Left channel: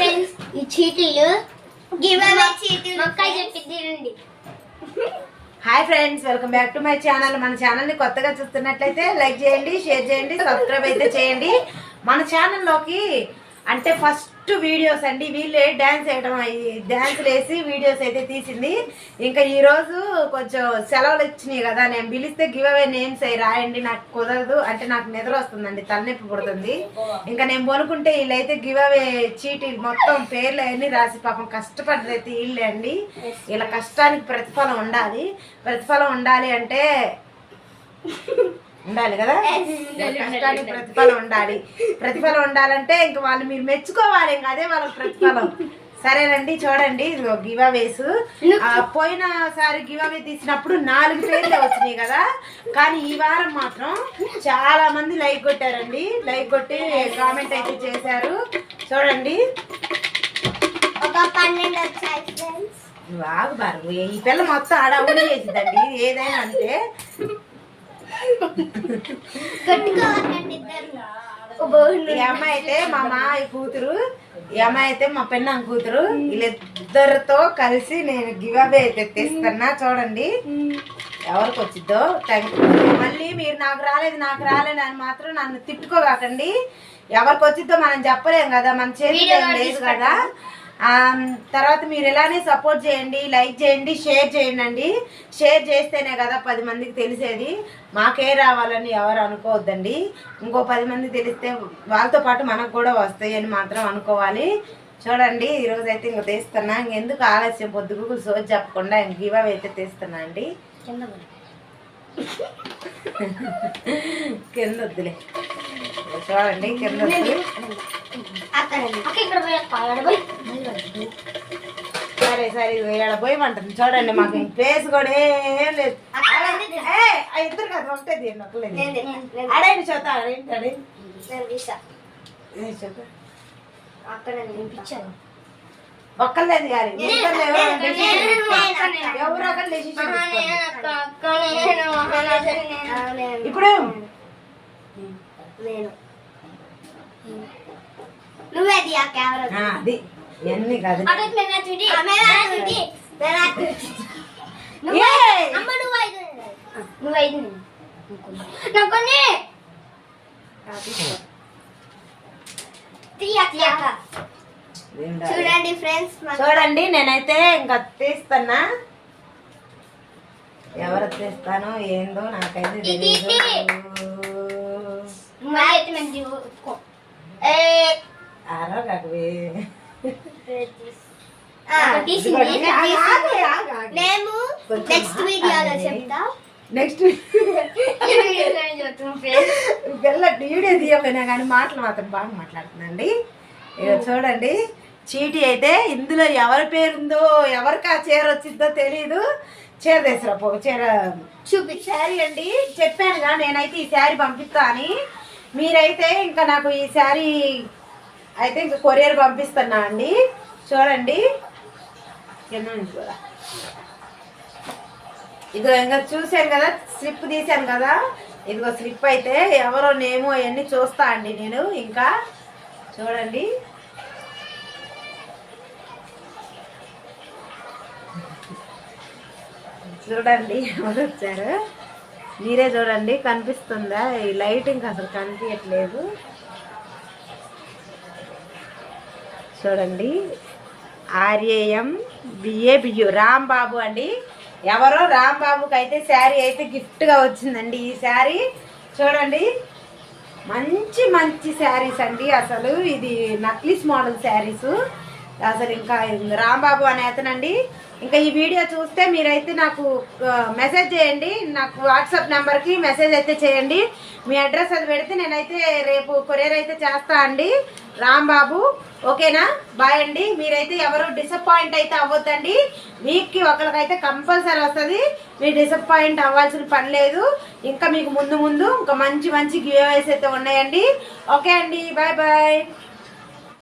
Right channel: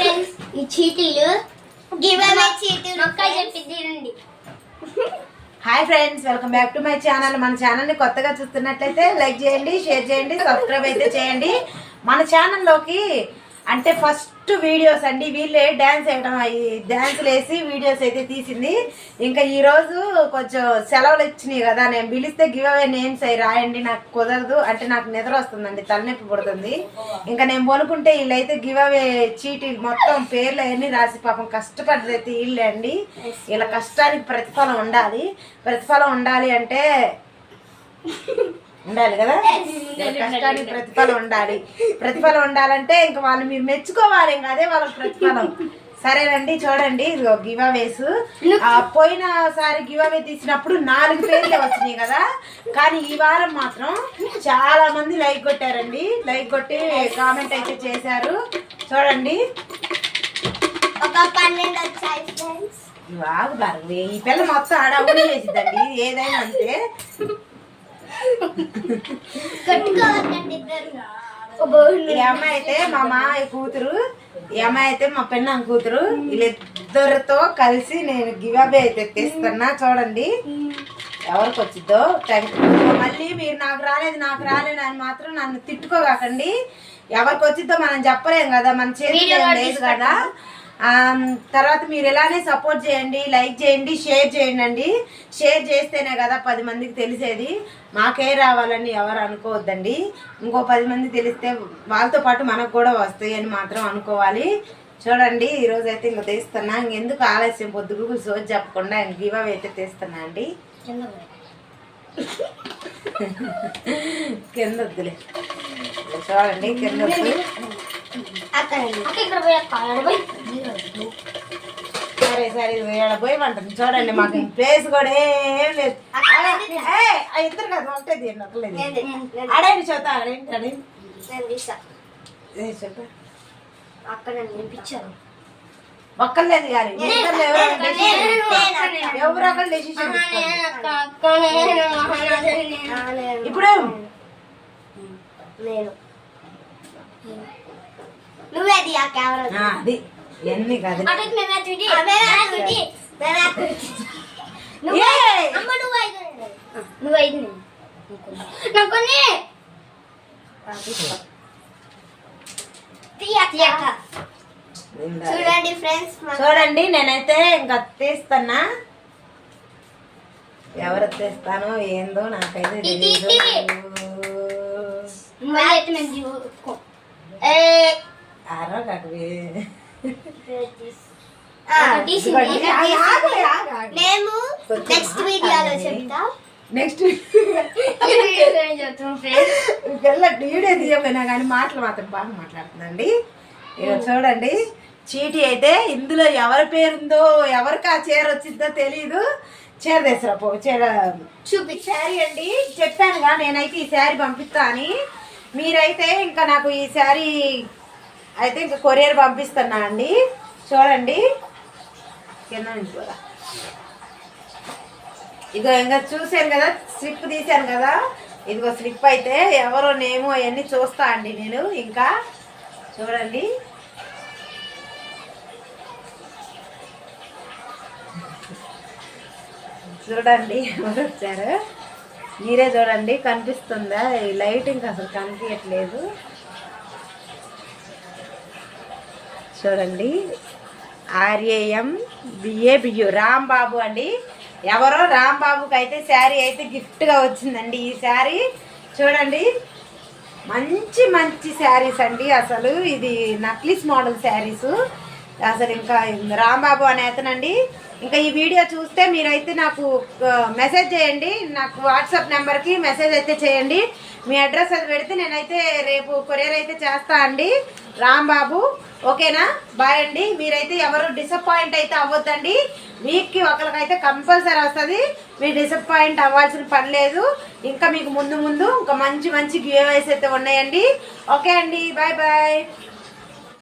Friends ఈ చీటీలు give away చీటీలు మక్క చెప్పిద్దిరండి. Hi friends, welcome back to my channel. మన ఛానల్ని కొత్తగా చూస్తున్నట్లయితే లైక్ చేయండి, షేర్ చేయండి, సబ్స్క్రైబ్ అయితే చేయండి. మన ఛానల్లోకి అంటే ఫస్ట్ వీడియోస్ అండి వీళ్ళే డ్యాన్స్ వేయడం, డ్యాన్సులు వేసి వీడియోస్ అయితే తీసింది. ఇంకా ఈరోజు కొంచెం సెలవులు ఇచ్చినాయి కదా, నేను పిలిస్తే గివ్ అవే నేమ్స్ అవి రాయండి, నాకు కుదరదు అంటే నాకు నిద్ర వస్తుందండి, తలనొప్పి పుడుతుంది. ఇంకా నేను కొనుక్కుంటే వీళ్ళైతే గివ్ అవే చీటీ మొత్తం పేర్లు అవన్నీ రాసి పాపం కష్టపడ్డైతే వీళ్ళే అండి. ఇలా కష్టానికి ప్రతిఫలం ఉండాలి. ప్రతిఫలం ఉండాలి అంటే ఉండాలి కదా, కష్టానికి ప్రతిఫలం ఉండాలి. ప్రతిఫలం ఉండాలంటే ఇంకా వాళ్ళు మీరు మెచ్చుకోవాలి, ఇంకా అదే వాళ్ళకి ప్రతిఫలం. సరేనండి, చూడండి ఇదిగో గివ్ అవేస్. పోయినసారి గివ్ అవే తీసినప్పుడు 4 పేర్లే వచ్చినాయి కదా, కానీ ఈ వారం మాత్రం చాలా మంది లైక్ కొట్టారండి. లైక్ కొట్టి కామెంట్ అయితే చేశారు. చూడండి ఒక 12 వచ్చాయి ఫ్రెండ్స్. బాగా బాగా ఈ పిల్ల మొత్తం అడవులు చేసిద్దండి ఏదైనా అంతే. ఈ అమ్మాయి అయితే మా మామయ్య కూతురు, ఈ అమ్మాయి అయితే మా పెన్నాం కూతురు. వీళ్ళిద్దరితో కలిసి నేను గివ్ అవే అయితే తెస్తున్నా. చూడండి ఎవరికి వచ్చిద్దో. మళ్ళీ మీరు నాకు రాలేదు అని మాత్రం నన్ను తిట్టుకోకండి. ఎవరికి వచ్చిద్దో మనం చెప్పలేం కదా, మన చేతిలో లేదు కదా. తర్వాత మీరు ఇలానే సపోర్ట్ చేయండి, లైక్ చేయండి, షేర్ చేయండి. షేర్ చేస్తేనే కదా 10 మందికి తెలిసేది. మాకే రావాలని ఎవరు అనుకోవద్దండి. ఇంకో 10 మంది తెలిస్తే వాళ్ళతో పాటు మనకు కూడా వస్తాయి అని మాత్రం అనుకోవాలి. చూడండి ఈరోజు అయితే ఇంక తీస్తున్నా. ఇంకెందుకు ఆలస్యం, పొద్దుగు సోజ్ చెప్పకుండా ఇంక గివ్ అవే అయితే తీస్తున్నా అండి. కింద వద్దులే, చూడండి కింద వద్దు. సరే సరే పోయమంటుంది. చూడండి మాకు ప్లేస్ కూడా ఏం లేదు. ఇద్దరు కదా ఒకటే తీయండి. అడేంటి చూద్దాం, అడేంటి వినిపించాను ఒక్కర్లేదు కానీ ఎవరు అక్కడ డెసిషన్ ఇప్పుడు నేను నువ్వేది ఆ కెమెరా అది ఎన్ని కాదు. చూడండి ఫ్రెండ్స్, చూడండి నేనైతే ఇంకా తీస్తున్నా. ఎవరు తీస్తానో ఏందో నాకైతే తెలియదు. మేము నెక్స్ట్ వీడియోలో చెప్తాం. నెక్స్ట్ వీడియో తీయకపోయినా కానీ మాటలు మాత్రం బాగా మాట్లాడుతుందండి. ఇక చూడండి చీటీ అయితే ఇందులో ఎవరి పేరుందో ఎవరికి ఆ చీర వచ్చిందో తెలీదు. చీర తెసరాపో చీర చూపి శారీ అండి. చెప్పానుగా నేనైతే ఈ శారీ పంపిస్తా అని. మీరైతే ఇంకా నాకు ఈ శారీ అయితే ఇంకా కొరియర్ పంపిస్తున్నా అండి. చూడండి కింద నుంచి కూడా ఇదిగో ఇంకా చూశాను కదా, స్లిప్ తీశాను కదా, ఇదిగో స్లిప్ అయితే ఎవరో నేమో అవన్నీ చూస్తా అండి నేను. ఇంకా చూడండి చూడండి ఎవరు వచ్చారు మీరే చూడండి. కనిపిస్తుందా? ఈ లైటింగ్ అసలు కనిపించట్లేదు. చూడండి RAM BABU రాంబాబు అండి. ఎవరో రాంబాబుకి అయితే శారీ అయితే గిఫ్ట్గా వచ్చిందండి. ఈ శారీ చూడండి మంచి మంచి శారీస్ అండి. అసలు ఇది నక్లీస్ మోడల్ శారీస్. అసలు ఇంకా రాంబాబు అనే అతనండి. ఇంకా ఈ వీడియో చూస్తే మీరైతే నాకు మెసేజ్ చేయండి. నాకు వాట్సాప్ నెంబర్కి మెసేజ్ అయితే చేయండి. మీ అడ్రస్ అది పెడితే నేనైతే రేపు కొరియర్ అయితే చేస్తా అండి. రాంబాబు ఓకేనా? బాయ్ అండి. మీరైతే ఎవరు డిసప్పాయింట్ అయితే అవ్వద్దండి. వీక్కి ఒకరికైతే కంపల్సరీ వస్తుంది. మీరు డిసప్పాయింట్ అవ్వాల్సిన పని లేదు. ఇంకా మీకు ముందు ఇంకా మంచి మంచి గివ్ అవేస్ అయితే ఉన్నాయండి. ఓకే అండి, బాయ్ బాయ్.